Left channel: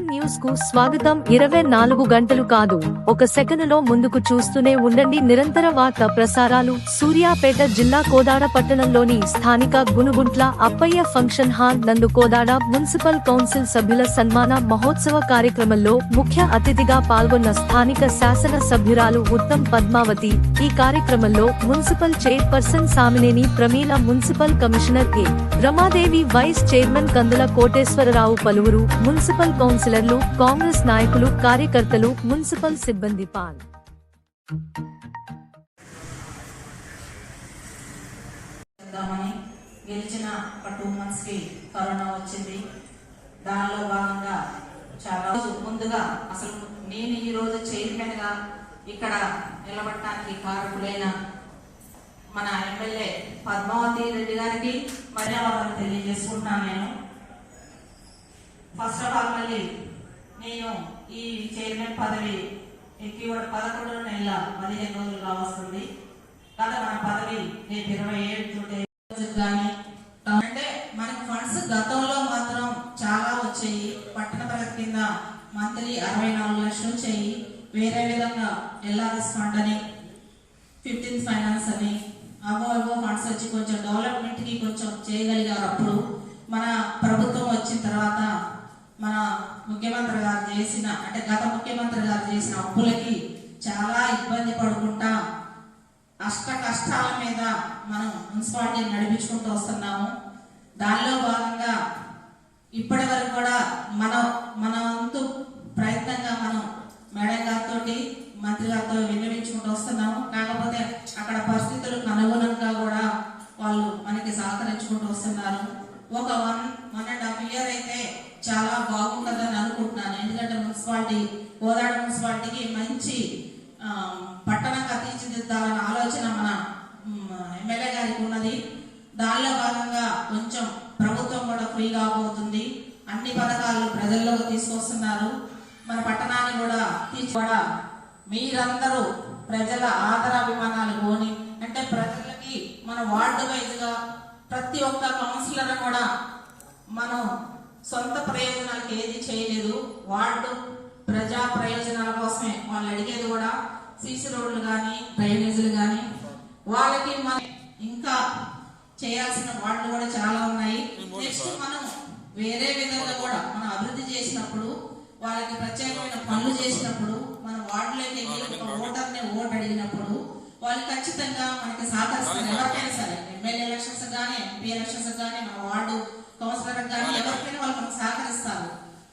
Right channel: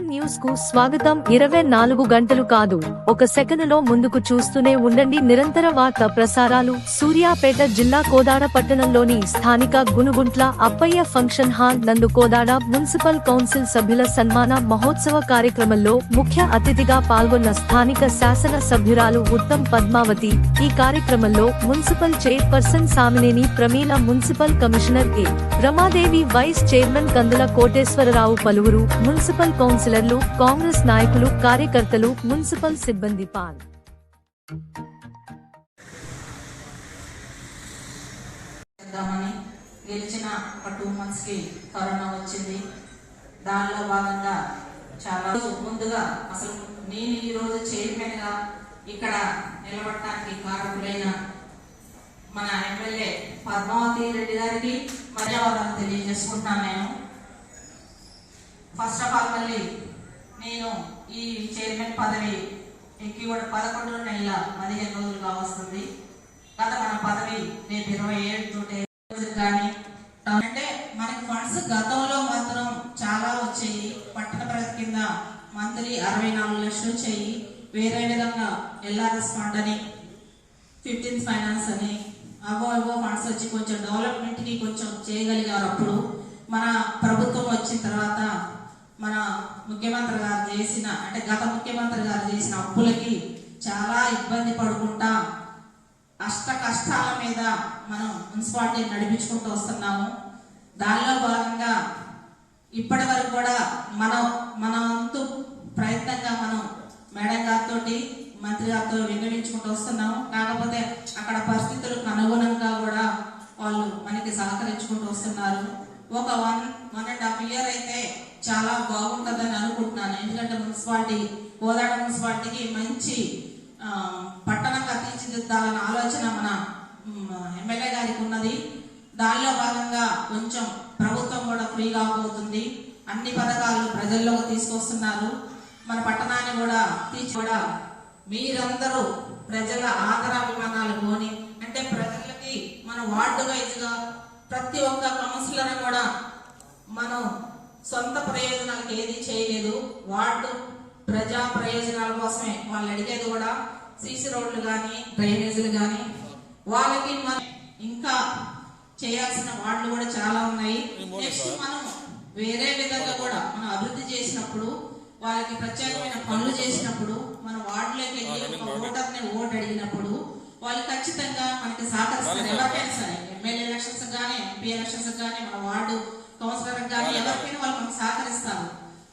Asian news కు స్వాగతం. 24 గంటలు కాదు, ఒక సెకనులో ముందుకు చూస్తూనే ఉండండి. నిరంతర వార్త ప్రసారాలు. సూర్యాపేట జిల్లా కోదాడ పట్టణంలోని స్థానిక గునుగుంట్ల అప్పయ్య ఫంక్షన్ హాల్ నందు కోదాడ మున్సిపల్ కౌన్సిల్ సభ్యుల సన్మాన మహోత్సవ కార్యక్రమంలో ముఖ్య అతిథిగా పాల్గొన్న స్థానిక శాసన సభ్యురాలు ఉత్తమ్ పద్మావతి. ఈ కార్యక్రమంలో municipal chairperson Samineni Pramila, municipal commissioner A Ramadevi, vice chairman Kandula Koteswararao, పలువురు మున్సిపల్ కౌన్సిలర్లు, కాంగ్రెస్ నాయకులు, కార్యకర్తలు, మున్సిపల్ సిబ్బంది గెలిచిన ఒక 2 months కి కరోనా వచ్చింది. దానిలో భాగంగా చాలా ముందుగా అసలు నేను ఈ రోజు చైర్మన్ గా ఇక్కడ నిలబడటానికి కారకులైన మన ఎమ్మెల్యే పద్మావతి రెడ్డి గారికి ధన్యవాదాలు తెలియజేసుకుంటున్నాను. నేను ఫస్ట్ ఆఫ్ ఆల్ మళ్ళీ నేను ఈ చైర్మన్ పదవి ఎక్కి 11 నెలల 15 రోజులుగా వస్తుంది. కదా మన పదవి రేపు 27 కానీ అంటే మనకి ఫండ్స్ గతంలో మాత్రం చాలా వచ్చాయి. పట్టణ ప్రగతి కింద మంత్లీ 64 లక్షలు వచ్చాయి. వేరే విధంగా ఎల్ఆర్ఎస్ ఫండ్ అని, 15th ఫైనాన్స్ అని అవో ఫండ్స్ వచ్చి కొంచెం డెవలప్మెంట్ కి కొంచెం చేయగలిగారు. అప్పుడు మన ప్రభుత్వం వచ్చిన తర్వాత మన ముఖ్యమంత్రి గారు చేసిన అంటే గత ముఖ్యమంత్రి గారు చేసిన అప్పులకి చాలా ఇబ్బంది పడుకుంటా అష్ట కష్టాల మీద మనం మున్సిపాలిటీ నడిపించుకుంటూ వస్తున్నాము. దానిలో భాగంగా ఇప్పటి వరకు కూడా మన వంతు ప్రయత్నంగా మనం మేడం గారితో, మంత్రి గారితో విన్నవించుకుంటూ వస్తున్నాము. కాకపోతే అక్కడ పరిస్థితులకు అనుగుణంగా కూడా వాళ్ళు మనకి సహకరించుకుంటూ వస్తున్నారు. ఒక 1.5 year అయితే చాలా బాగుంటుందని అనుకుంటున్నాను. ఎందుకంటే మున్సిపాలిటీ కోదాడ మున్సిపాలిటీకి మంచి పట్టణంగా తీర్చిదిద్దాలనే ఆలోచన మన ఎమ్మెల్యే గారికి ఉన్నది. దానిలో భాగంగా కొంచెం ప్రభుత్వం కూడా ఫ్రీ కాబోతుంది. అన్ని పథకాలు ప్రజల్లోకి తీసుకొస్తున్నారు. మన పట్టణాన్ని కూడా మీరందరూ ప్రజల ఆదరాభిమానాలు పోని అంటే ప్రజలకి మన వార్డు వైజ్ గా ప్రతి ఒక్క కౌన్సిలర్ కూడా మనం సొంత ప్రయోజనాలకు ఏది చేయలేదు. వార్డు ప్రజా ప్రయోజనాల కోసమే వాళ్ళు అడిగేది కూడా సీసీ రోడ్లు కానీ, డ్రైనేజీలు కానీ. వాళ్ళకి మనం ఇంకా చేయాల్సిన వార్డులు కూడా చాలా ఉన్నాయి. నెక్స్ట్ మనం వేరే విధంగా కూడా మనం అభివృద్ధి చేసినప్పుడు, వాళ్ళకి ప్రత్యేకమైన పనులు చేసినప్పుడు, మన వార్డులోకి వెళ్ళి ఒక ఓటర్ని ఓటు అడిగినప్పుడు వాళ్ళు ఖచ్చితంగా మనకి సహకరిస్తారు. ఎవరికైనా సరే, ఎమ్మెల్యే ఎలక్షన్స్ కానీ, ఎంపీ ఎలక్షన్స్ కానీ, మన వార్డు కౌన్సిలర్ కానీ ఎవరికైనా వాళ్ళు మనకు సహకరిస్తారు.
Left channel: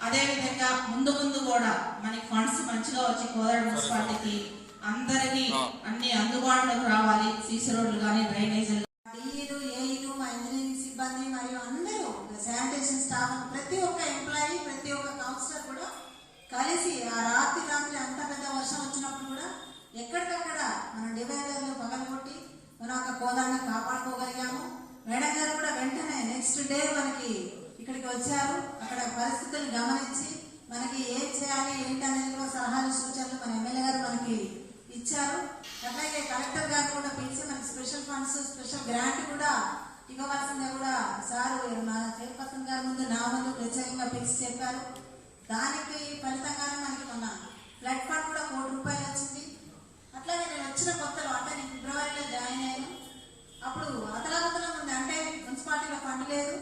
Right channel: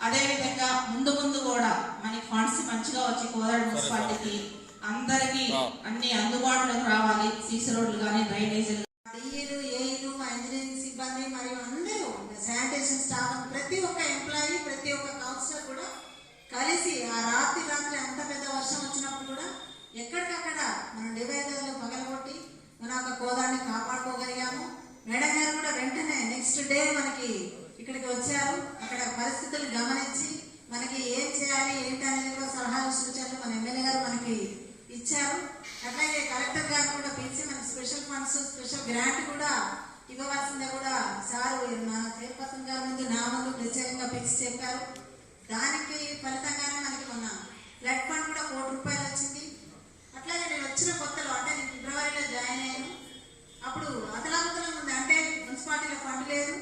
అదే విధంగా ముందు కూడా మనకి ఫండ్స్ మంచిగా వచ్చి కోదాడ మున్సిపాలిటీకి అందరికి అన్ని అందుబాటులోకి రావాలి. సీసీ రోడ్లు కానీ, డ్రైనేజీలు, మా ఇంజనీరింగ్ సిబ్బంది మరియు అందరూ శానిటేషన్ స్టాఫ్, ప్రతి ఒక్క ఎంప్లాయీ, ప్రతి ఒక్క కౌన్సిలర్ కూడా కలిసి ఆ రాత్రి ఎంత పెద్ద వర్షం వచ్చినప్పుడు కూడా ఎక్కడికక్కడ మనం డివైడర్లు పగలగొట్టి మన ఒక కోదాన్ని కాపాడుకోగలిగాము. మేడం గారు కూడా వెంటనే నెక్స్ట్ డే మనకి ఇక్కడికి వచ్చారు. అక్కడ పరిస్థితులు గమనించి మనకి ఏం చేయాలి ఏంటి అనేది కూడా సలహాలు, సూచనలు మన ఎమ్మెల్యే గారు మనకి ఇచ్చారు. అట్లాగే కలెక్టర్ గారు కూడా పిలిచి మనకి స్పెషల్ ఫండ్స్, స్పెషల్ గ్రాంట్ కూడా ఇవ్వవలసిందే కూడా సారు మన చైర్పర్సన్ గారి ముందు నా ముందు ప్రత్యేకంగా పిలిచి చెప్పారు. దానికి ఫలితంగానే మనకి మొన్న ఫ్లడ్ ఫండ్ కూడా 1 కోటి రూపాయలు వచ్చింది. అట్లాగే నేను వచ్చిన కొత్తలో అంటే నేను ఫిబ్రవరిలో జాయిన్ అయ్యాను. అప్పుడు అతలాకుతలం ఉంది, అంటే మున్సిపాలిటీలో ఫండ్ లేదు.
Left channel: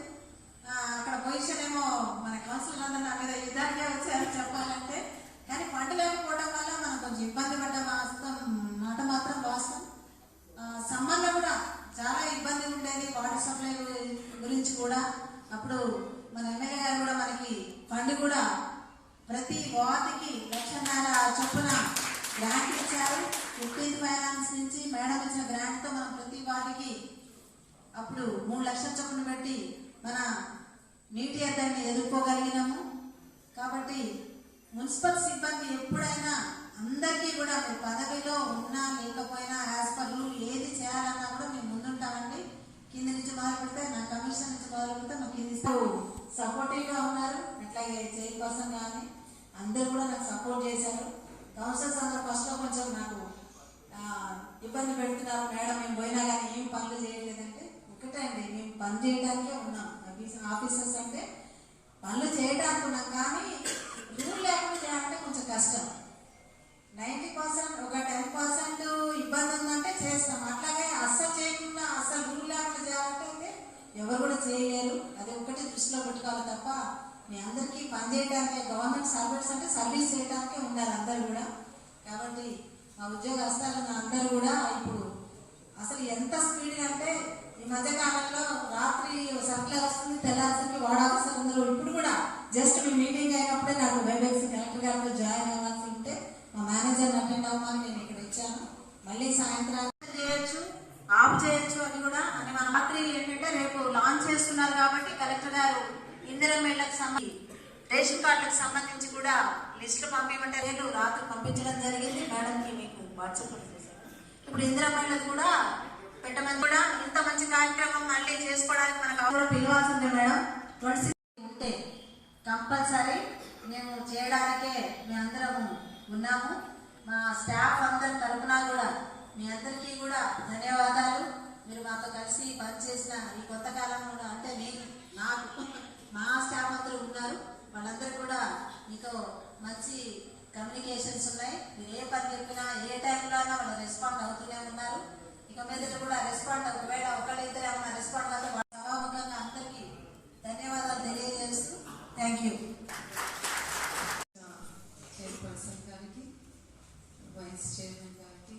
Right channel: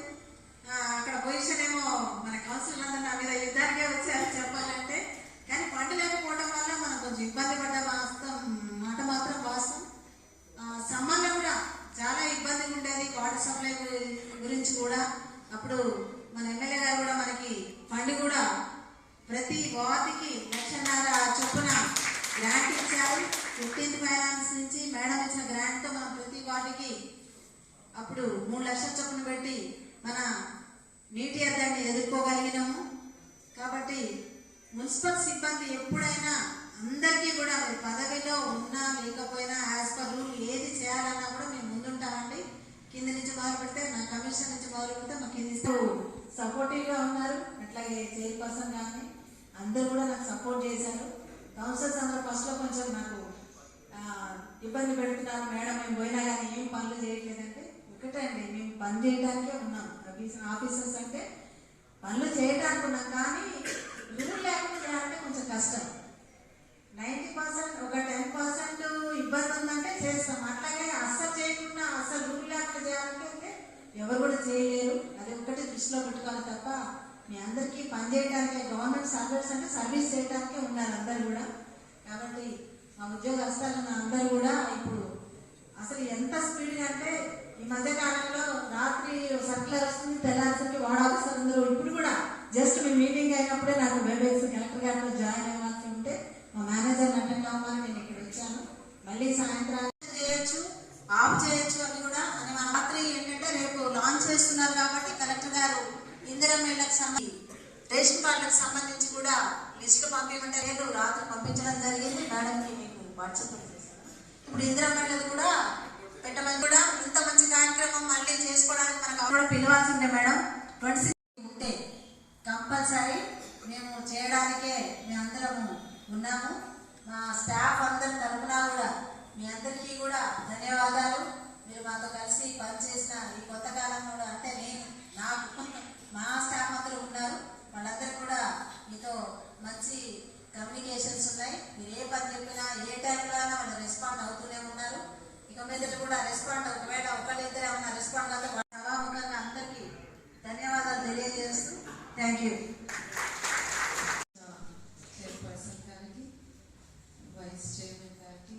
అక్కడ పొజిషన్ ఏమో మన కౌన్సిలర్ అందరూ నా మీద యుద్ధానికే వచ్చారు చెప్పాలంటే. కానీ ఫండ్ లేకపోవడం వల్ల మనం కొంచెం ఇబ్బంది పడ్డ మాట మాత్రం వాస్తవం. సమ్మర్లో కూడా చాలా ఇబ్బందిగా ఉండేది వాటర్ సప్లై గురించి కూడా. అప్పుడు మన ఎమ్మెల్యే గారు కూడా మనకి ఫండ్ కూడా ప్రతి వార్డుకి 1,50,000 చొప్పున గ్రాంట్ ఇచ్చారు. 15th ఫైనాన్స్ నుంచి మేడం ఇచ్చిన గ్రాంట్ తో మనం ప్రతి వార్డుకి అప్పుడు 3 లక్షల చొప్పున పెట్టి మన నీటి అద్దెని ఎదుర్కోగలిగినాము. కాబట్టి మున్సిపల్ సిబ్బంది ఎప్పుడైనా అందరికీ కూడా మీరు పదవిలో ఉన్నా లేకపోయినా యాజ్ పర్ రూల్ ఏది చేయాలన్నా కూడా మేము ముందుంటామండి. కింద నుంచి మొదలు పెడితే, నా కమిషన్ నుంచి మొదలు పెడితే మా కింది సపోర్టివ్ గా ఉన్నారు. అట్లాగే చైర్పర్సన్ కానీ అందరూ కూడా నాకు సపోర్ట్ చేశారు. కౌన్సిలర్స్ అందరూ ఫస్ట్ లో కొంచెం నాకు ఇబ్బంది పెడుతున్నారు, మేడం మేము పోయినా కానీ ఏం పనులు చేయట్లేదంటే. ఒకటే అండి, మేము పని చేయడానికే ఉన్నాం. ఆఫీసర్స్ అంటే పనులు చేయడానికి ఉన్నాం, కానీ రూల్ లేకుండా చేయాలంటే కొంచెం కష్టం. 90% ఒక 10% ఇబ్బంది ఉందంటే చేస్తాం. అట్లాగే అస్సలు చేయకుండా అస్సలు రూల్ లేకుండా చేయాలంటే ఎవరు కూడా చేయలేరు. అది ఒక్కటి దృష్టిలో పెట్టుకోవాలి తప్ప మీ అందరికీ పనిచేయడానికి గవర్నమెంట్ సర్వీస్ అంటే సర్వీస్ చేయడానికే ఉన్నారు అందరు కూడా. కాబట్టి మా ఉద్యోగస్తులు అందరూ కూడా ఇప్పుడు అసలు ఎంత స్పీడ్గా అంటే ఈ మధ్య కాలంలో రాత్రి సర్కులర్ వస్తుంది, తెల్లారిసరికి వాడాల్సిన అందరూ ఇప్పుడు కూడా జస్ట్ మీ మీటింగ్ అయినప్పుడే నాకు వెబెక్స్ కలెక్టర్ గారితో జాయిన్ అవ్వాల్సి ఉంటే మా మేనేజర్ని అటెండ్ అవ్వమని నేను ఇక్కడ వచ్చాను. మళ్ళీ సాయంత్రం చేయొచ్చు, ఆఫ్ చేయొచ్చు అని కూడా అని మన రాత్రి ఏంటంటే రేపు లాంచ్ చేస్తున్నారు కాబట్టి కలెక్టర్ గారు ఇందిరమ్మ ఇళ్లకు సంబంధించి రేషన్ కార్డులకు సంబంధించి కూడా లిస్టు పంపించమంటే రేపు రాత్రి పంపించడం జరిగింది. మేడంకి మీకు వాట్సాప్ చేశాను. ఇప్పుడు ఇందిరమ్మ ఇళ్లకు కూడా పెట్టమని కూడా ఇంత మంచి కార్యక్రమం మళ్ళీ చేసుకోవడానికి మనకు కూడా పిలవాల్సి ఉండే మేడం. 26 ఉంటే కంపల్సరీ మేము చేయడానికే మీ అందరం ఉన్నాము. మా స్టాఫ్ అందరి తరఫున కూడా మీ అందరికీ కూడా ధన్యవాదాలు. మీరు మాతో కలిసి పనిచేసిన ఈ కొత్త కాలంలో కూడా అంటే నేను నాకు మా స్టాఫ్ అందరూ ఉన్నారు. వాళ్ళందరూ కూడా మీతో మంచి కమ్యూనికేషన్స్ ఉన్నాయి. మీరు ఏ పని చెప్పినా ఏ టైంలో అయినా వాళ్ళు రెస్పాండ్ అవుతూనే ఉన్నారు. ఇక మీదట కూడా రెస్పాండ్ ఒకవేళ ఒకళ్ళిద్దరు ఏమన్నా రెస్పాండ్ అవుతే సభాముఖంగా అందరికీ ధన్యవాదాలు తెలియజేస్తూ థ్యాంక్ యూ. చైర్పర్సన్ గారికి, వైస్ చైర్మన్ గారికి,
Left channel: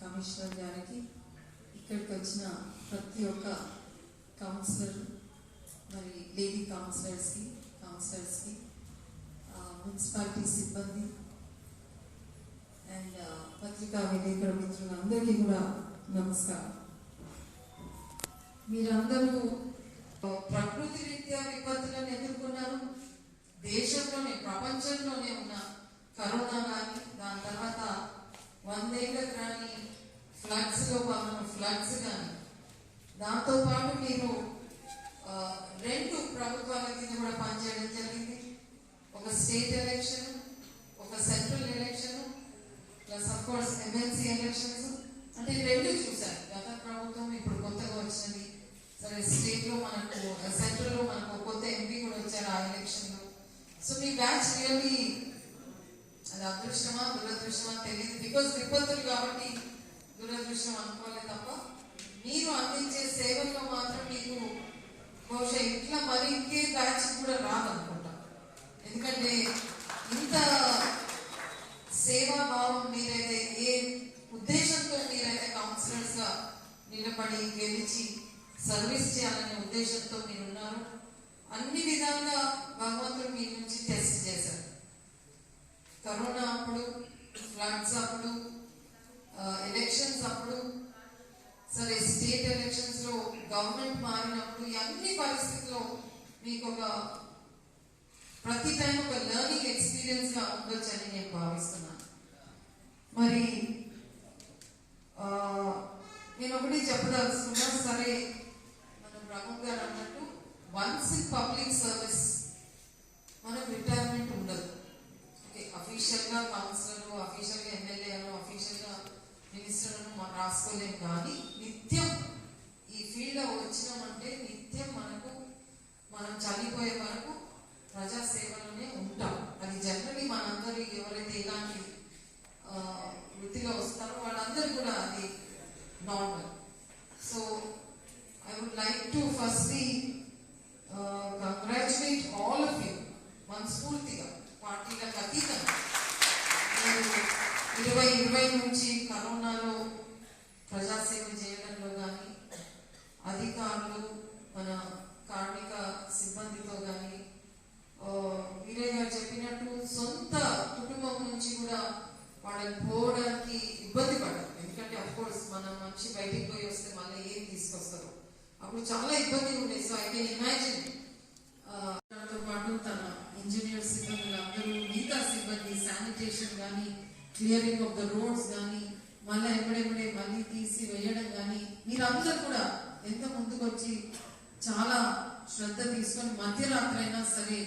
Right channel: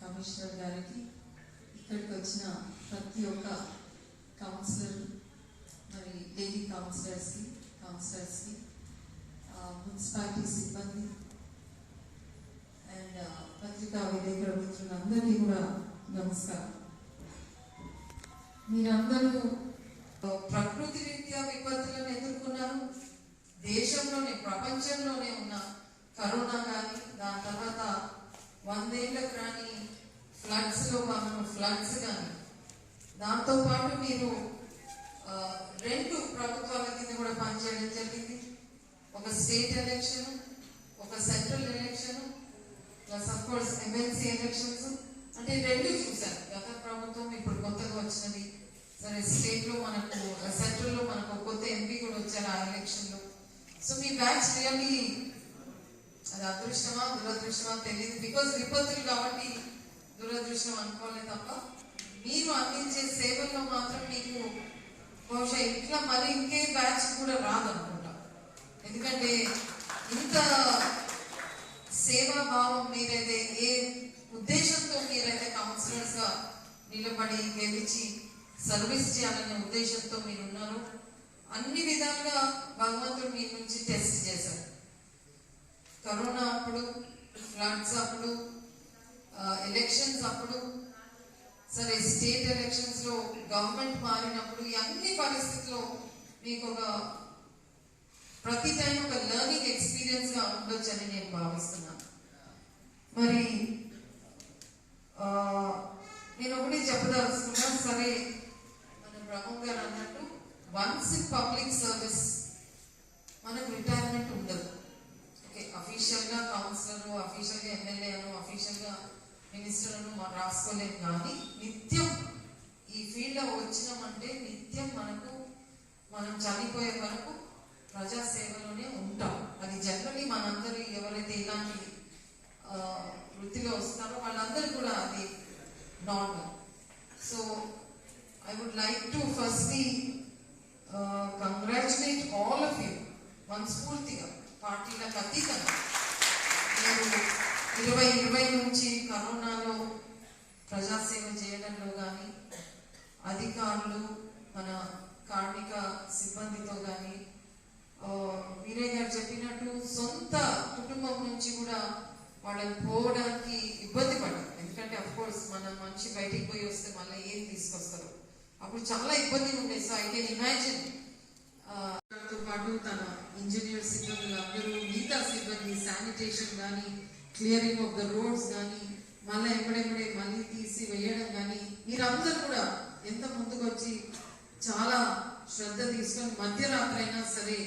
కమిషనర్ గారికి, ఇక్కడికి వచ్చిన ప్రతి ఒక్క కౌన్సిలర్, మరి లేడీ కౌన్సిలర్స్కి, మున్సిపాలిటీ సిబ్బంది అండ్ పత్రికా విలేకరుల మిత్రులందరికీ కూడా నమస్కారం. మీరందరూ ప్రకృతి రీత్యా విపత్తులను ఎదుర్కొన్నారు. దేశంలోనే ప్రపంచంలోనే ఉన్న కరోనా కానీ, దాని తర్వాత 100 ఏళ్ళకు రాని ఫ్లడ్స్ కానీ, దాంతో పాటు మీరు 2 ప్రభుత్వాల కింద కూడా పనిచేయడం జరిగింది. ఒక స్టేట్ ఎలక్షన్, ఒక central election, plus of course MLC elections. అంటే 2 చూసారు. గత ప్రభుత్వం, ఇప్పుడు కొత్తగా వచ్చినది. సరే, స్టేట్ లో మనకు, సెంట్రల్ లో మనకు కొత్త ఎంపీ కూడా వచ్చారు ఆ ఎలక్షన్ లో. సో మీ బ్యాచ్ రియల్లీ అది అదృష్టమా దురదృష్టమా తెలియదు. బికాస్ విపత్తులు కాబట్టి దురదృష్టం అనుకోలేదు తప్ప మీరు అందించే సేవల్లో మాత్రం మీకు బహుశా ఇట్లా మరి ఇంకే బ్యాచ్ కూడా రాదనుకుంటా. ఎందుకంటే ఇంత సేవాభావం మీరైతే, ఏ ఉద్దేశంతో మీరైతే కౌన్సిలర్స్ గా నిలబడి గెలిచి సర్వీస్ చేయాలనే ఉద్దేశంతో మీరు ఉన్నారు. అన్ని విధాలుగా భగవంతుడు మీ నుంచి టెస్ట్ చేశారు. కరోనా అప్పుడు, ఫ్లడ్స్ అప్పుడు, ఎలక్షన్స్ అప్పుడు, సరే స్టేట్ ఎలక్షన్స్ లో గవర్నమెంట్ మారినప్పుడు, ఈ అన్ని పరిస్థితుల్లో మీకు ఒక ప్రతి టైం ఒక లెర్నింగ్ ఎక్స్పీరియన్స్ గా ఉండొచ్చని నేను భావిస్తున్నాను. మరి నేను ఒకటి చెప్పదలుచుకున్నా. సరే, మన బ్రహ్మ గారు అన్నట్టు వన్స్ ఇన్ పబ్లిక్ సర్వీస్ మనకు రిటైర్మెంట్ ఉండదు. ఓకే, అఫీషియల్ గా కౌన్సిలర్, అఫీషియల్ గా ఎమ్మెల్యే, అఫీషియల్ గా మినిస్టర్ రాసుకోలేము. కానీ నిత్యం ఈ ఫీల్డ్ లో వచ్చినామంటే నిత్యం మనం చనిపోయే వరకు ప్రజాసేవలోనే ఉంటాం. అది జనరల్లీ మనందరి ఎవరైతే ఇలాంటి వృత్తిలో వస్తారో వాళ్ళందరూ కూడా అది normal. So I would like to firstly congratulate all of you మనస్ఫూర్తిగా, పార్టీలకు అతీతంగా. మీరు 2020 నుంచి కరోనాలో ప్రజాసేవ చేయడంలో కానీ, అధికారులు, మన కార్మిక సిబ్బందితో కానీ, మీరే గారు చెప్పినట్టు సొంత కుటుంబం నుంచి కూడా వాళ్ళని పోవడానికి ఇబ్బంది పడ్డారు. ఎందుకంటే అఫ్ కోర్స్ మన మనిషి బయటికి పోయి వస్తే మళ్ళీ ఏం తీసుకొస్తారు, అప్పుడు చాలా ఇబ్బంది ఉండే. So I can imagine. తో పాటు తన ఇంజనీర్ సిబ్బంది అందరూ, మిగతా సిబ్బంది, శానిటేషన్ కానీ, క్లియరింగ్ ఆఫ్ ద రోడ్స్ కానీ, మళ్ళీ ఎప్పుడెప్పుడే మళ్ళీ తీసి వేయడం కానీ, మీరందరూ కూడా ఎంత ముందుకు వచ్చి చాలా శ్రద్ధ తీసుకొని మధ్యరాత్రి అయినా సరే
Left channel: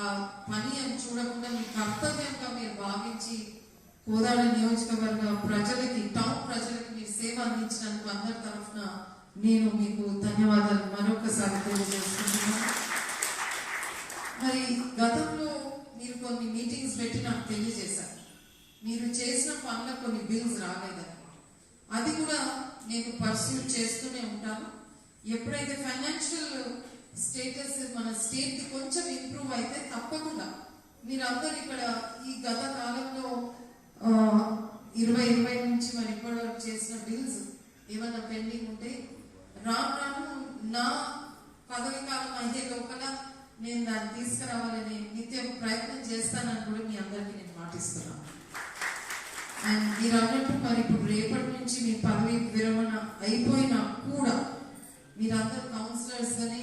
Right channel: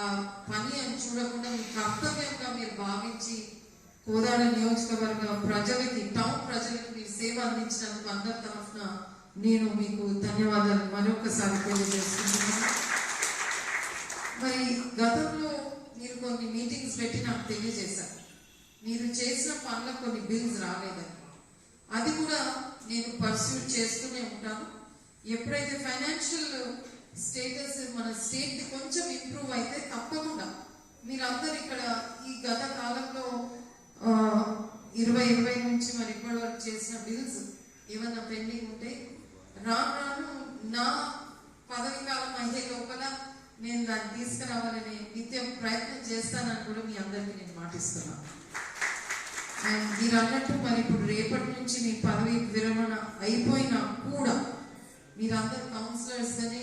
ఆ పని అని చూడకుండా మీ కర్తవ్యంగా మీరు భావించి కోదాడ నియోజకవర్గ ప్రజలకి, టౌన్ ప్రజలకి మీరు సేవ అందించినందుకు అందరి తరఫున నేను మీకు ధన్యవాదాలు మరొకసారి తెలియజేస్తున్నాను. మరి గతంలో మీరు కొన్ని మీటింగ్స్ పెట్టి నాకు తెలియజేశారు. మీరు చేసిన పనుల కొన్ని బిల్స్ రాలేదని. అది కూడా నేను పర్సూట్ చేస్తూనే ఉంటాను. ఎప్పుడైతే ఫైనాన్షియల్ స్టేటస్ మన స్టేట్ కి కొంచెం ఇంప్రూవ్ అయితే తప్పకుండా మీరందరూ ఇక్కడ ఈ గత కాలంలో 2020 నుంచి మరి ఇప్పటి వరకు చేసిన బిల్స్ ఏమైనా పెండింగ్ ఉంటే రాను నా పదవి కాలం అయ్యే లోపల నేను దాన్ని తీసుకురావాలని నిత్యం ప్రయత్నం చేస్తానని కూడా మీ అందరికీ నేను మాటిస్తున్నాను. అండ్ మీరు అన్నట్టు మరి ఇప్పుడు రేపటి నుంచి మీ పదవి విరమణ అయిపోయినా కూడా మీరందరూ కౌన్సిలర్స్ అని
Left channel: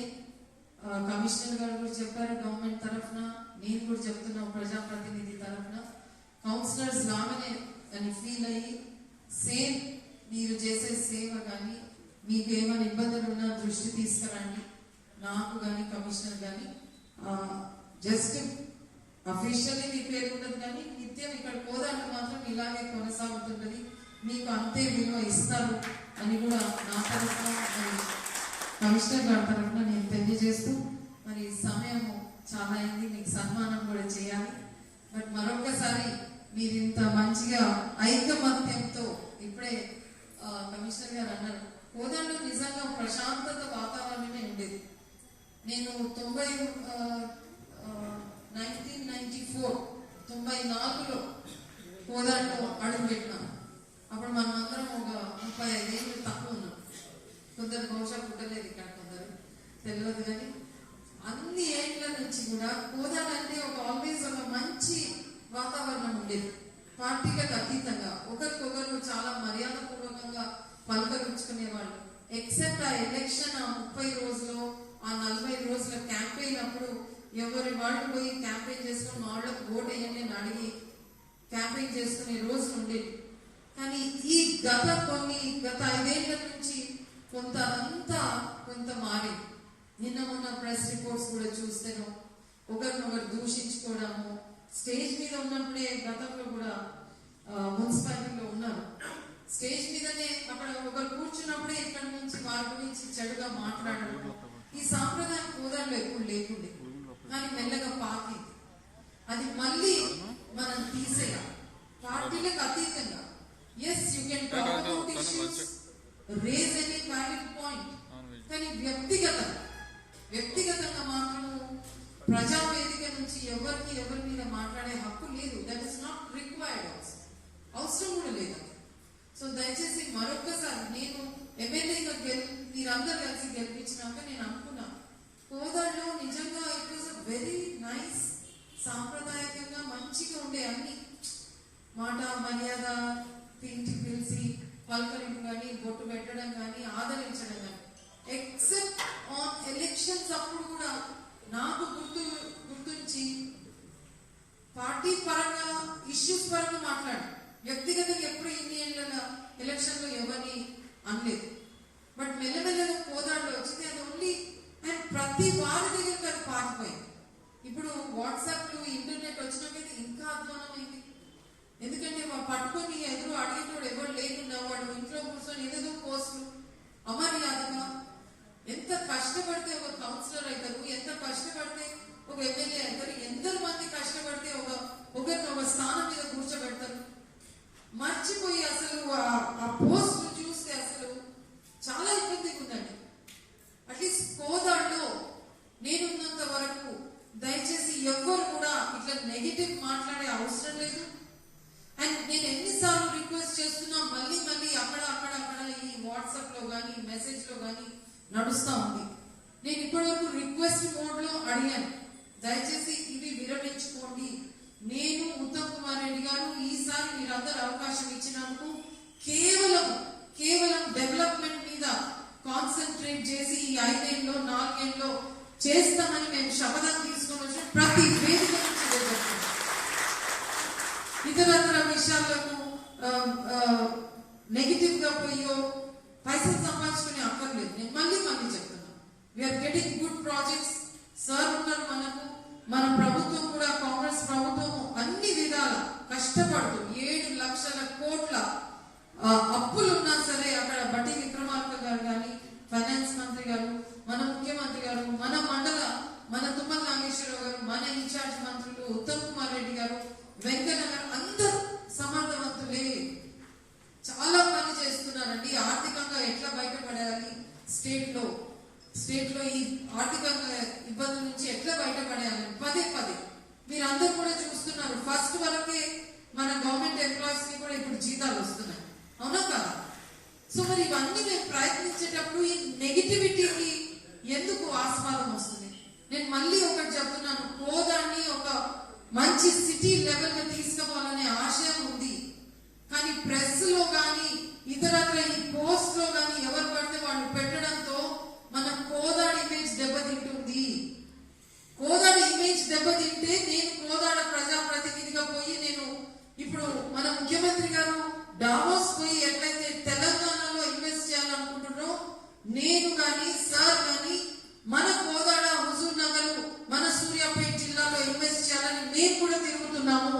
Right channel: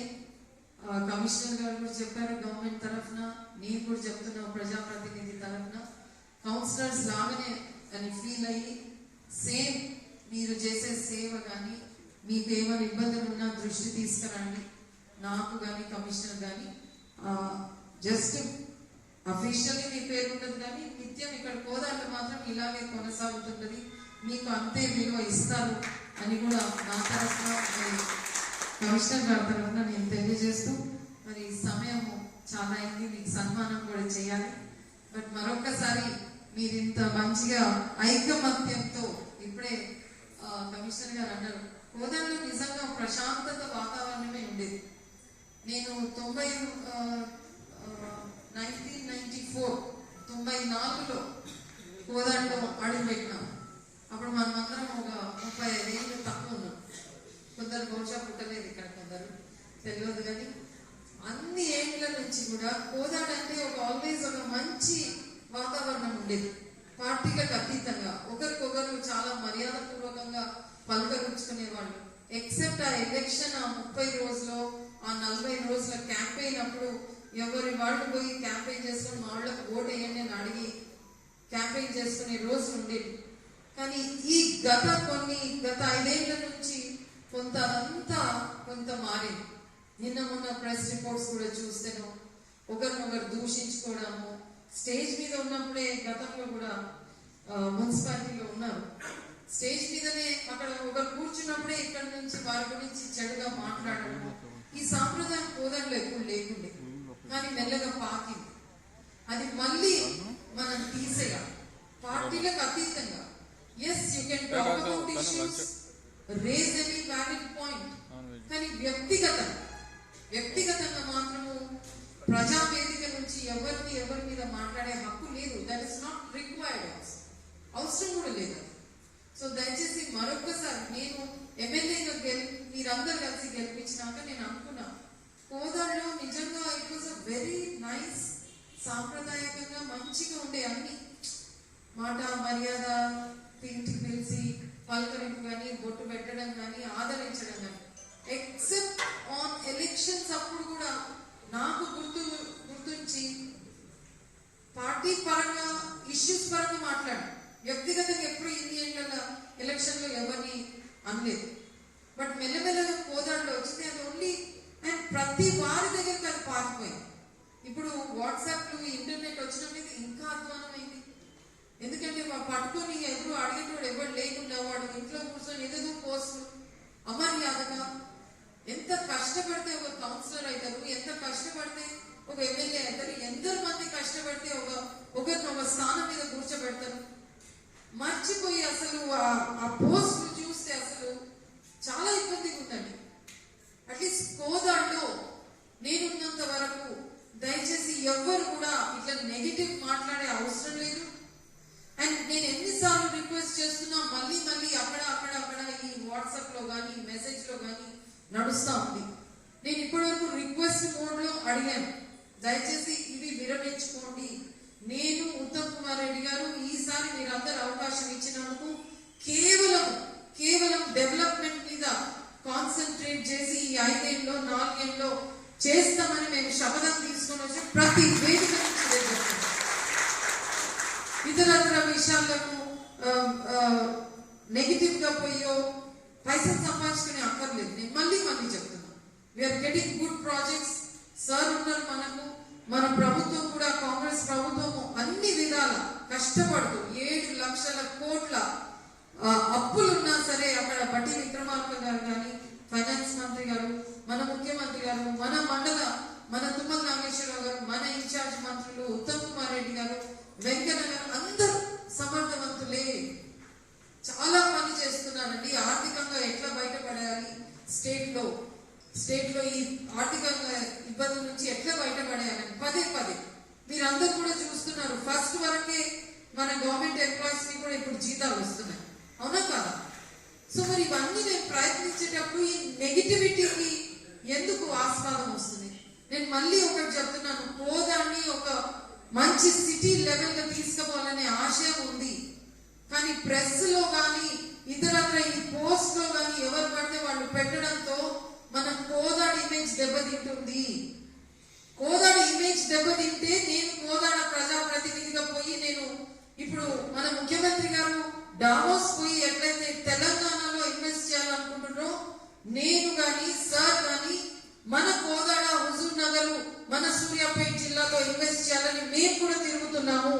కమిషనర్ గారు కూడా చెప్పారు గవర్నమెంట్ తరఫున, నేను కూడా చెప్తున్నా ప్రజాప్రతినిధి తరఫున, కౌన్సిలర్స్ లాగానే అని ఫీల్ అయ్యి సేమ్ మీరు చేసే సేవ కానీ మీకు ఏమైనా ఇబ్బందులు ఉన్నా దృష్టి తీసుకురండి. నాకు కానీ కమిషనర్ కానీ జస్ట్ అఫీషియల్లీ మీ పేరు ఉండదు కానీ నిత్యం ఇక్కడ కోదాళ్ళు మాత్రం ఇలాగే కొనసాగుతుంటది. మీకు అంతే విలువ ఇస్తారు అని కూడా నా తరఫున కమిషనర్ గారి తరఫున నేను తెలియజేస్తూ మరి సమయం చాలా అయింది, మీకు సన్మానం కూడా చేయాలి. బట్ మరొక్కసారి మీరు ఇంత మంచిగా ఐకమత్యంతో ఇప్పుడే కమిషనర్ గారు అన్నారు కోదాల్లో నిజంగా ప్రశాంతత వాతావరణమే ఉండేది. నేను 1994లో కోదాల్లో అడుగు పెట్టినాను. అప్పుడు మనమందరం ఒక 35 ఏళ్ళు తక్కువ ఉన్నాం. కొందరు బహుశా పుట్టలేదు ఇక్కడ, కొందరు తెలియదు. కానీ అన్ని ఏళ్ల నుంచి కూడా కోదాడ అంటే ఆల్వేస్ ఒక మంచి వాతావరణం ఉండేది. పార్టీలకు అతీతంగా ఒకరికొకరు చాలా మర్యాద పూర్వకంగా పలకరించుకునేవాళ్ళు. ఎక్సెప్ట్ ఆ ఎలక్షన్ ఆ 30 రోజులు ఆ 40 రోజుల క్యాంపెయిన్ అప్పుడు ఎవరి వాళ్ళు పోయి క్యాంపెయిన్ చేసుకుని మా వాళ్ళకి ఓట్ వేయండి అని అడిగి క్యాంపెయిన్ చేసుకునే రోజులు ఉండేవి. కానీ ఈ గత 5 ఏళ్ల నుంచి కొంత మారింది. నిన్న మొన్న ప్రెస్ రిపోర్ట్స్ కూడా చూస్తేను ఒకరినొకరు దూషించుకోవడము, స్టేజ్ మీద ఉన్నప్పుడే గతంలో కూడా మున్సిపాలిటీలో ఉన్నారు, స్టేజ్ మీదనే అక్కడ ఒకరు కూర్చున్నప్పుడే ఇక్కడ నుంచి వారి గురించి చెడుగా మాట్లాడడం, ఈ సాంప్రదాయం కోదాడలో ఎప్పుడు లేకుండే. కానీ మెల్లగా పాకింది. అది మళ్ళీ మనం తీసేయాలి. పార్టీలకు అతీతంగా yes you can talk about issues, raise any valid point, కానీ వ్యక్తిగతంగా మాత్రము ప్రజావేదిక నుంచి ఎవరి మీద మాట్లాడే హక్కు లేదు. దట్ ఇస్ నాట్ రిక్వైర్డ్, అవసరం కూడా లేదు. సో దయచేసి మరొక్కసారి నేను ఎమ్మెల్యేగా మీరందరూ కలిసి గెలిపించినాక నేను అనుకున్నా కోదాడలో నిజంగా it was a very nice, సాంప్రదాయకంగా మంచిగా ఉండే అన్ని మాట మర్యాద, ఇంటికి పిలిచి పలకరింపు కానీ బొట్టు పెట్టడం కానీ ఆదరించడం కానీ. ఎక్సెప్ట్ ఆన్ ఎలక్షన్స్ అప్పుడు కూడా నాకు గుర్తుంచి పార్టీ పరంగా ఇష్యూస్ పరంగా మాట్లాడు, వ్యక్తిగతంగా ఎప్పుడు ఇన్ని ఏళ్ళ ఎలక్షన్ లో ఎవరిని అనలేదు. బట్ మెల్లమెల్లగా కోదాడలో వచ్చింది అది ఓన్లీ. అండ్ ప్రతి వారి దగ్గరికి అది పారిపోయింది. ఇప్పుడు వాట్సాప్ ఇంటర్నెట్ వచ్చిన మీద ఇంకా అధ్వానమైంది. ఎందుకంటే పట్టుకొని ఎదురు అడిగేటోడు ఎవరు లేకుండా వాడు ఇంట్లో కూర్చొని ఎదురు పోస్టులు అమర్యాదగా. ఎంత కష్టపడితే ఒక కౌన్సిలర్ అవుతారు, ఎంత కష్టపడితే ఒక ఎమ్మెల్యే అవుతారు, ఎందరు మంది కష్టపడితే ఒకరిని ఒక స్థానం మీద కూర్చోబెడతారు. మర్చిపోయి అసలు ఆ పోస్ట్ చూస్తే అసలు చాలా ఇబ్బందిగా ఉందండి. అట్లీస్ట్ కోదాడలో నేనున్నంత వరకు దయచేసి ఎవ్వరు కూడా ఇట్లా నెగిటివ్ మాట్లాడే అవసరం లేదు. అండ్ నేను ఎన్నిసార్లు రిక్వెస్ట్ చేస్తున్నా మళ్ళీ అక్కడ ఈ వాట్సాప్ లో కానీ మెసేజ్ లో కానీ నడుస్తా ఉంది. నేను ఇప్పటి వరకు రిక్వెస్ట్ మోడ్ లో అడిగాను, దయచేసి ఇవి విరమించుకోండి. నేను ఉత్తమ్ కుమార్ రెడ్డి గారు ఈసారి మీరందరూ అవకాశం ఇచ్చినందుకు కేవలం డెవలప్మెంట్ మీద కాన్సన్ట్రేట్ చేసి ఈ 5 ఏళ్ళలో 4 ఏళ్ళలో చేస్తామని మేము శపథం తీసుకొని వచ్చి ప్రతి వేదిక నుంచి ఇతర విషయాలకు నెగిటివ్ గా పోయో పైసలు సంపాదించుకునే అక్కర్లేదు. నేను మళ్ళీ చెప్తున్నా, we're getting good projects. Sir ఉన్నారు మనకు, మన ప్రభుత్వం కూడా కాంగ్రెస్ ప్రభుత్వము అన్ని విధాల కష్టపడుతూ 7 లక్షల కోట్ల అప్పులు ఉన్నా సరే అక్కడ బట్టి విక్రమార్క గారు కానీ, ఫైనాన్స్ మంత్రి గారు, మన ముఖ్యమంత్రి గారు, మన తుమ్మల నాగేశ్వరరావు గారు, మన ఇన్ఛార్జ్ మంత్రులు ఉత్తమ్ కుమార్ రెడ్డి గారు, వెంకయ్య గారు అందరూ సమర్థవంతులే, చాలా పని చేస్తున్నారండి. ఆర్థికంగా ఎట్లా బయటపడాలి, స్టేట్ లో ఈ ఆర్థికంగా ఇబ్బందుల నుంచి ఎట్లా బయటపడాలి పదే మీరందరూ కూడా చూస్తున్నారు. ఫస్ట్ వరకే మన గవర్నమెంట్ ఎంప్లాయీస్ కి కూడా ఇప్పుడు జీతాలు వస్తున్నాయి, అవునా కదా? సో మరి ఇవన్నీ నేను ప్రయత్నించేటప్పుడు ఈ నెగిటివిటీకి ఎందుకు ఆస్వాదం వస్తుంది? నేను మళ్ళీ ఒకటి చెప్తున్నాను, కోదాన్ని ఒక మంచి సిటీ లెవెల్ గా తీసుకుపోవాలనే ఆశయం ఉంది. కానీ ప్రెస్ లో కానీ ఇతరత్ర ఈ పోస్ట్ లో కానీ ఎవరు పడితే వాళ్ళు పెట్టడంతో మన కోదాడ ఇమేజ్ దెబ్బతింటుంది. కోదాడ ఇమేజ్ దెబ్బతింటే నేను కోదాడ ప్రజాప్రతినిధిగా పోయి నేను ఇప్పుడు మన ముఖ్యమంత్రి గారు డావోస్ పోయి ఎట్లయితే తెలంగాణలో ఇన్వెస్ట్ చేయాలనుకుంటున్నారో నేను గాని సార్ గాని మన కోదాడ, హుజూర్ నగర్, మన సూర్యాపేట జిల్లాలో ఇన్వెస్ట్ చేయాలని మేము కూడా తిరుగుతున్నాము.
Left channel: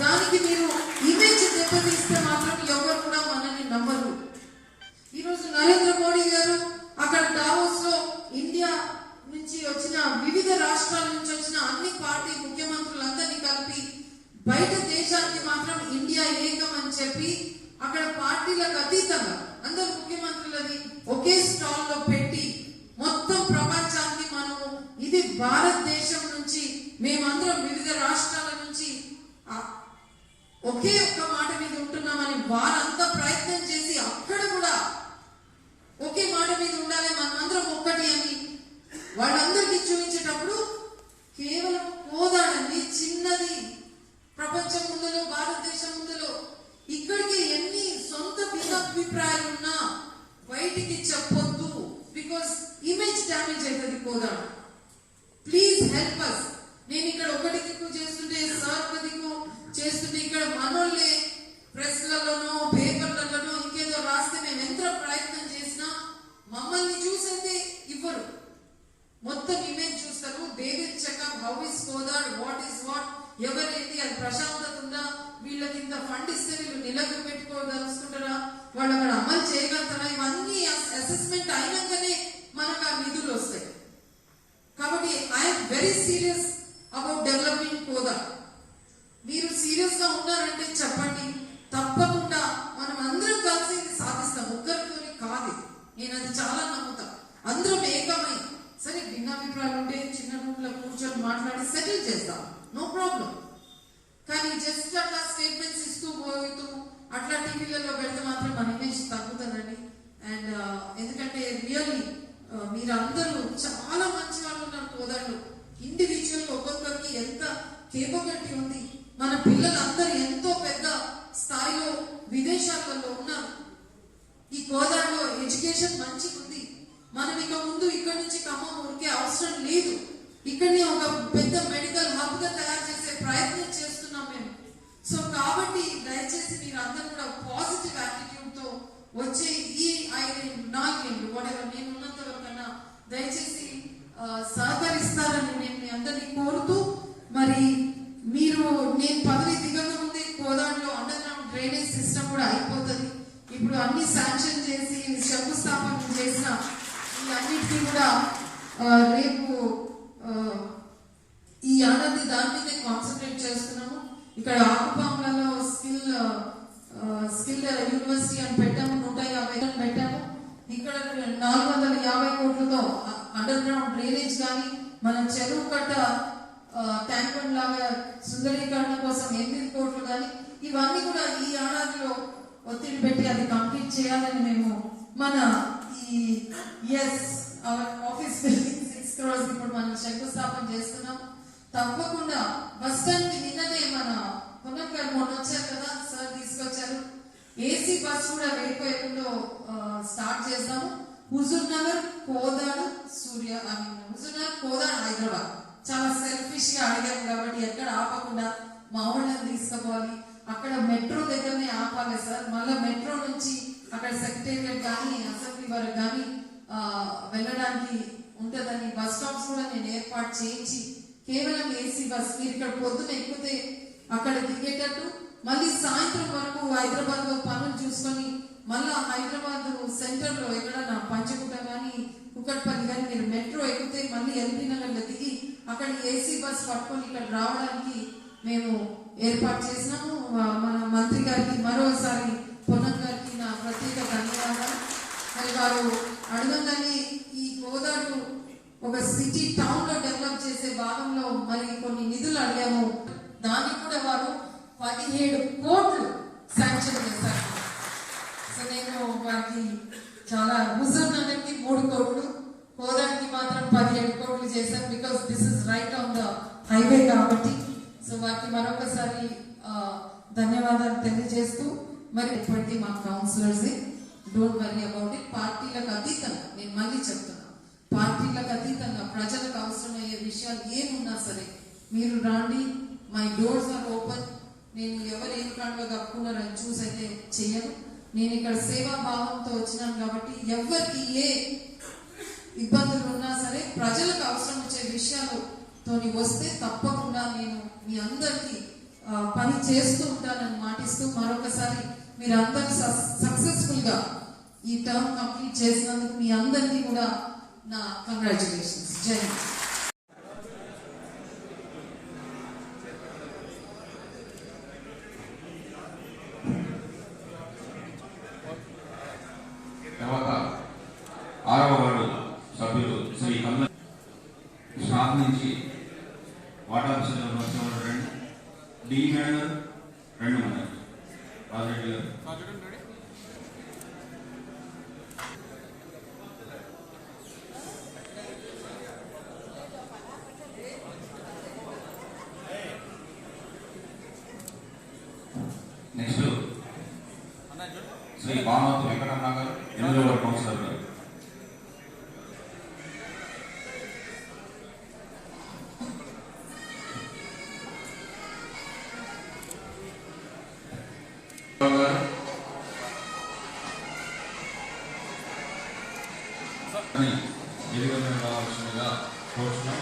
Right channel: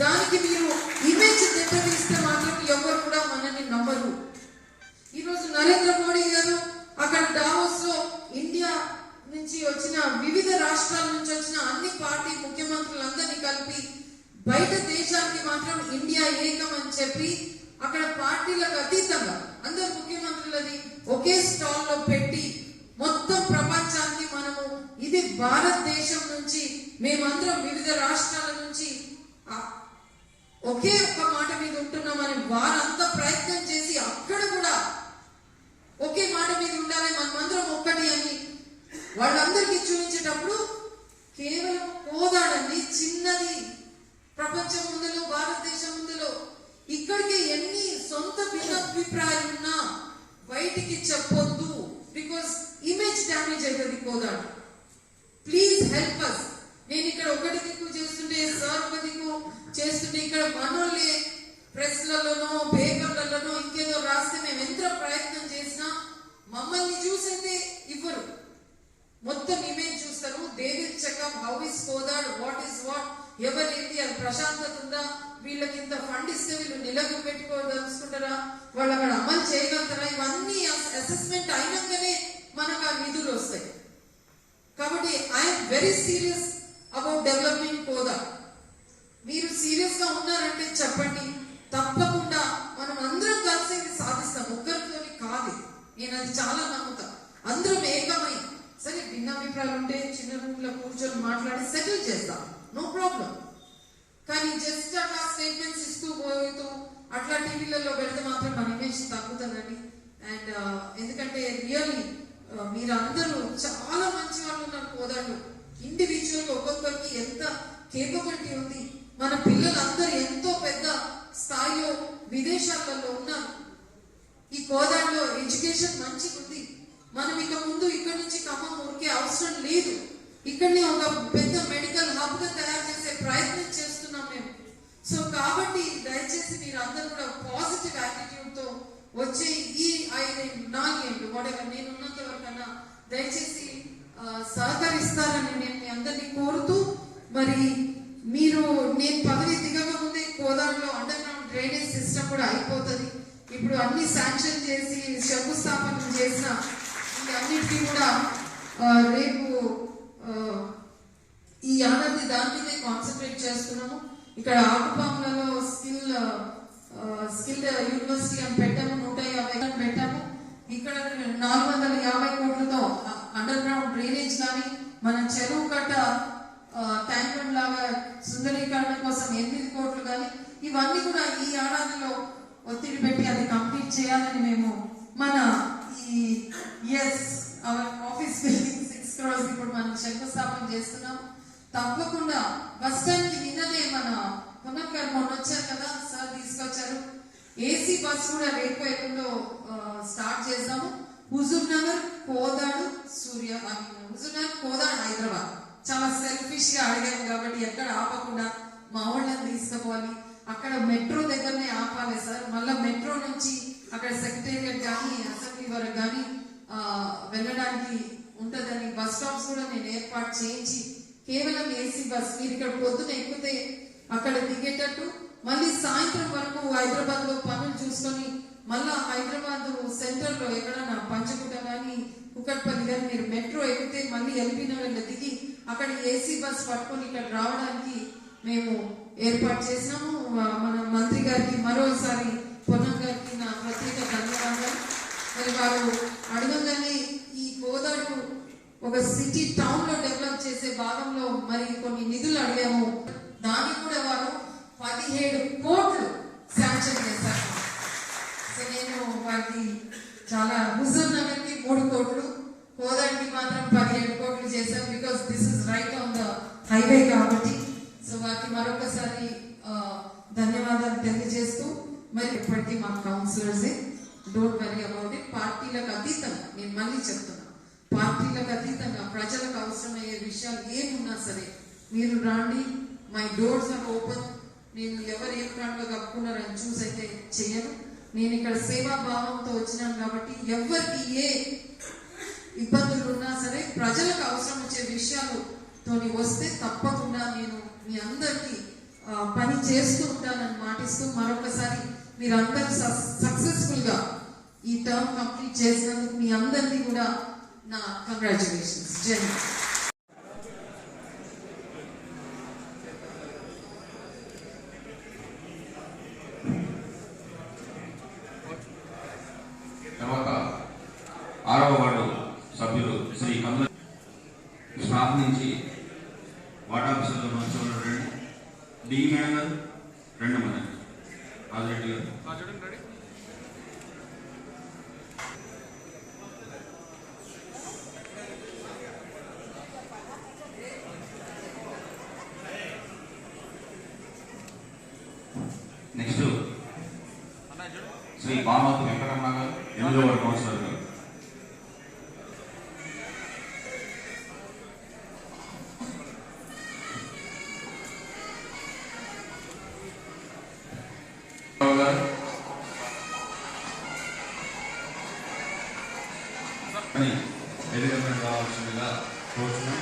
దానికి మీరు ఇమేజ్ దెబ్బతీస్తే మాత్రం ఎవరు కూడా మనల్ని నమ్మరు. ఈరోజు నరేంద్ర మోడీ గారు అక్కడ డావోస్ లో ఇండియా నుంచి వచ్చిన వివిధ రాష్ట్రాల నుంచి వచ్చిన అన్ని పార్టీ ముఖ్యమంత్రులందరినీ కలిపి బయట దేశానికి మాత్రం ఇండియా ఏకం అని చెప్పి అక్కడ పార్టీలకు అతీతంగా అందరు ముఖ్యమంత్రులది ఒకే స్టాల్ లో పెట్టి మొత్తం ప్రపంచానికి మనము ఇది భారతదేశం నుంచి మేమందరం వివిధ రాష్ట్రాల నుంచి ఒకే ఒక్క మాట మీద ఉంటున్నామని వారంతా ప్రయత్నం చేసి అక్కడ కూడా ఒకే మాట మీద ఉండాలి, మనమందరం ఒక్కటి అని వాళ్ళందరికీ చూపించేటప్పుడు కేవలం కోదాడండి చిన్నది ప్రపంచం ముందులో, భారతదేశం ముందులో. ఇక్కడికి ఎన్ని సొంత భిన్నాభిప్రాయాలున్నా బయటికి చెప్పొద్దు, బికాస్ ఇమేజ్ డ్యామేజ్ అవుతుంది కోదాడ. Please help us. నేను ఇక్కడ ఒకటి దిక్కు చేస్తుంటే సార్ ఒక దిక్కు చేస్తుంటే ఇక్కడ మనోళ్ళే ప్రెస్లలోనో పేపర్లలోనో ఇంకేదో రాస్తే మేము ఎంత ప్రయత్నం చేసినా మమ్మల్ని చూసేదే ఇవ్వరు. మొత్తం ఇమేజ్ చూస్తారు. They will check up how is Kodad, what is what, ఎవరేంటి, అది ప్రశాంతత ఉందా, వీళ్ళకి ఇంత ఫండ్ ఇస్తే వీళ్ళు నిలగ పెట్టుకోదలుచుకుంటారా, వాళ్ళు అక్కడ అమలు చేయగలుగుతారా, ఇవన్నీ అసెస్మెంట్ అయినాకనే మనకు ఆ నిధులు వస్తాయి. కాబట్టి I'm very serious about developing Kodad. మీరు సీరియస్ గా ఉన్నారంటే చెప్పండి, తప్పకుండా మనం అందరం కలిసి సాధిస్తాం. ఒక్కరితోని కాదు, నేను అది చాలా నమ్ముతా. అందరం ఏకమై సరే భిన్నాభిప్రాయాలు ఉంటే చిన్న రూమ్ లో కూర్చొని మాట్లాడి సెటిల్ చేద్దాం, నో ప్రాబ్లం. కానీ జస్ట్ అట్లా స్టేట్మెంట్స్ ఇస్తూ పోతూ అట్లా టీవీలలో పెడితే మాత్రం మన ఇమేజ్ తగ్గుతుందండి. అండ్ ఎందుకంటే రియల్లీ మీరందరూ చాలా మంచి వాళ్ళు ఉన్నారు కోదాడలో. ఇండివిజువల్ ఒక్కొక్కరికి ఎంత కేపబిలిటీ ఉంది. మన పిల్లలందరూ ఎంతో పెద్ద స్థాయిలో విదేశాలలో ఉన్నారు. ఈ కోదాడలో ఎడ్యుకేషన్ మంచిగా ఉంది. మనం ఇక ముందు ఇక్కడ నుంచి ఖమ్మం ఊరికే అవసరం లేదు. ఇక్కడనే ఒక పెద్ద మెడికల్ హబ్ గా తయారు చేసే ప్రయత్నం చేస్తున్నాం మేము. సో కాబట్టి దయచేసి మీరు అందరూ కూడా పాజిటివ్ యాటిట్యూడ్ తో వచ్చే ఈ 5-4 ఏళ్ళు whatever నేను ఉన్నంత వరకన్నా దయచేసి సహకరిస్తారని నేను మీ అందరినీ కోరుతూ, మరి మీరు నేను పదవి దిగక ముందే కోదాడలో అండర్ గ్రౌండ్ డ్రైనేజ్ సిస్టమ్ కూడా అయిపోతుంది. ఇప్పుడు అన్ని శాంక్షన్ చేసి శంకుస్థాపన చేసిన అన్నిటికీ కూడా రేపు ఈ ఏడాది దాని మీదే కాన్సన్ట్రేట్ చేస్తున్నాము. ఇక్కడ ఆకుపాములలో స్కిల్ యూనివర్సిటీ అని పెట్టాము, 150 పెట్టాము. ఇక్కడ 450 కోట్లతో అండర్ గ్రౌండ్ డ్రైనేజ్ కానీ మన చెరువు కట్ట ట్యాంక్ లాగా సుందరీకరణ కోసం 8 కోట్లు కానీ ఇవన్నీ కూడా ఈ ఏడాదిలో ఒత్తిడి పెట్టి అది కంప్లీట్ చేయాలని మేము మన ఈ ఆఫీస్ బిల్డింగ్ 6 crores ఇప్పుడు మనం శంకుస్థాపన చేస్తున్నాం. తప్పకుండా బస్ స్టాండ్ కి నిన్ననే మన పొన్నం గారు మొన్న వచ్చారు కదా సార్, తీసుకొచ్చారు. ఏసీ బస్ కూడా రేపు ఎప్పుడో స్టార్ట్ చేద్దాము. హుజూర్ నగర్, కోదాడు, హుజూర్ నగర్, కోదాడు, హైదరాబాద్. చాలా సెల్ఫిష్ గా అడిగాము కాబట్టి ఎక్కడ ఆపకుండా మా వాళ్ళని తీసుకుపోవాలి. అక్కడ మెట్రో దగ్గరనే ఆపాలి సార్. మళ్ళీ మెట్రో నుంచి అక్కడ సెక్రటేరియట్ కానీ అసెంబ్లీ వరకు కానీ వెళ్ళడానికి ఉంటదని బస్ స్టాప్స్ కూడా నేను ఏర్పాటు చేయించి కేవలం ఏసీ బస్ మీరు ఇక్కడ పొద్దున ఎక్కితే అక్కడ దిగేటట్టు మళ్ళీ సాయంత్రం వరకు హైదరాబాద్ లో పనులు చూసుకొని మళ్ళా హైదరాబాద్ సెంటర్ లో ఎక్కడన్నా పంచకుట కానీ కుకట్పల్లి కానీ మీరు మెట్రో ఎక్కితే మళ్ళీ ఎల్బీ నగర్ లో దిగి అక్కడ ఏసీ బస్ పట్టుకొని ఇక్కడ రావడానికి మేము ఏర్పాటు చేసినాము. మన మంత్రి గారికి మరోసారి పొన్నం గారికి నా ప్రత్యేక ధన్యవాదాలు. మరి వారు అడగంగానే ఈ గోదాడు ఒక సిటీ టౌన్ లో డెవలప్ చేసే భాగంలో మరి కొన్ని నిధులు అడిగాము. దానికి కూడా వారు 17 కోట్లు శాంక్షన్ చేశారు. సో నేను వారికి చాలా హుజూర్ నగర్ కి 3 కోట్లు, కోదాడికి మాత్రం 17 కోట్లు చేశాం. Because this is right on the highway కాబట్టి. సో వారికి మరొకసారి ధన్యవాదాలు తెలియజేస్తూ మరి ఇప్పటికీ మా councillors don't worry about it. పార్టీలకు అతీతంగా నేను మళ్ళీ చెప్తున్నా, పార్టీలకు అతీతంగా ప్రజలకు అవసరమయ్యే విషయాలు ఏమున్నా సరే మీరు రాండి. My doors are open. నేను ఎవరు ఏం కండుగా కప్పుకున్నారని చూసి అయితే చెయ్యను. నేను ఇక్కడ సేవా భావంతో వచ్చినాను కాబట్టి ఎవరికి ఏ ఇబ్బందులు ఉన్నా సరే ప్రజలకు అవసరం వచ్చే విషయాలతోని వస్తే తప్పకుండా నేను మీ అందరికీ పని చేస్తూ ఉంటానని మాటిస్తూ మరొకసారి మీరందరూ సక్సెస్ఫుల్ గా ఈ టర్మ్ కంప్లీట్ చేసినందుకు మీ అందరినీ కూడా నా కంగ్రాచులేషన్స్. జై హింద్. తర్వాత 6వ వార్డు సభ్యులు శ్రీ స్టాఫ్ నుంచి వార్డు ఆఫీసర్లు మంచి డి గారు 2 మంది రాజరెడ్డి గారు. నెక్స్ట్ శ్రీ భానుమతి వెంకటరమణ గారు 8వ వార్డు కౌన్సిలర్ గారు. వేదిక మీద రావాల్సిందిగా కోరుతున్నాం.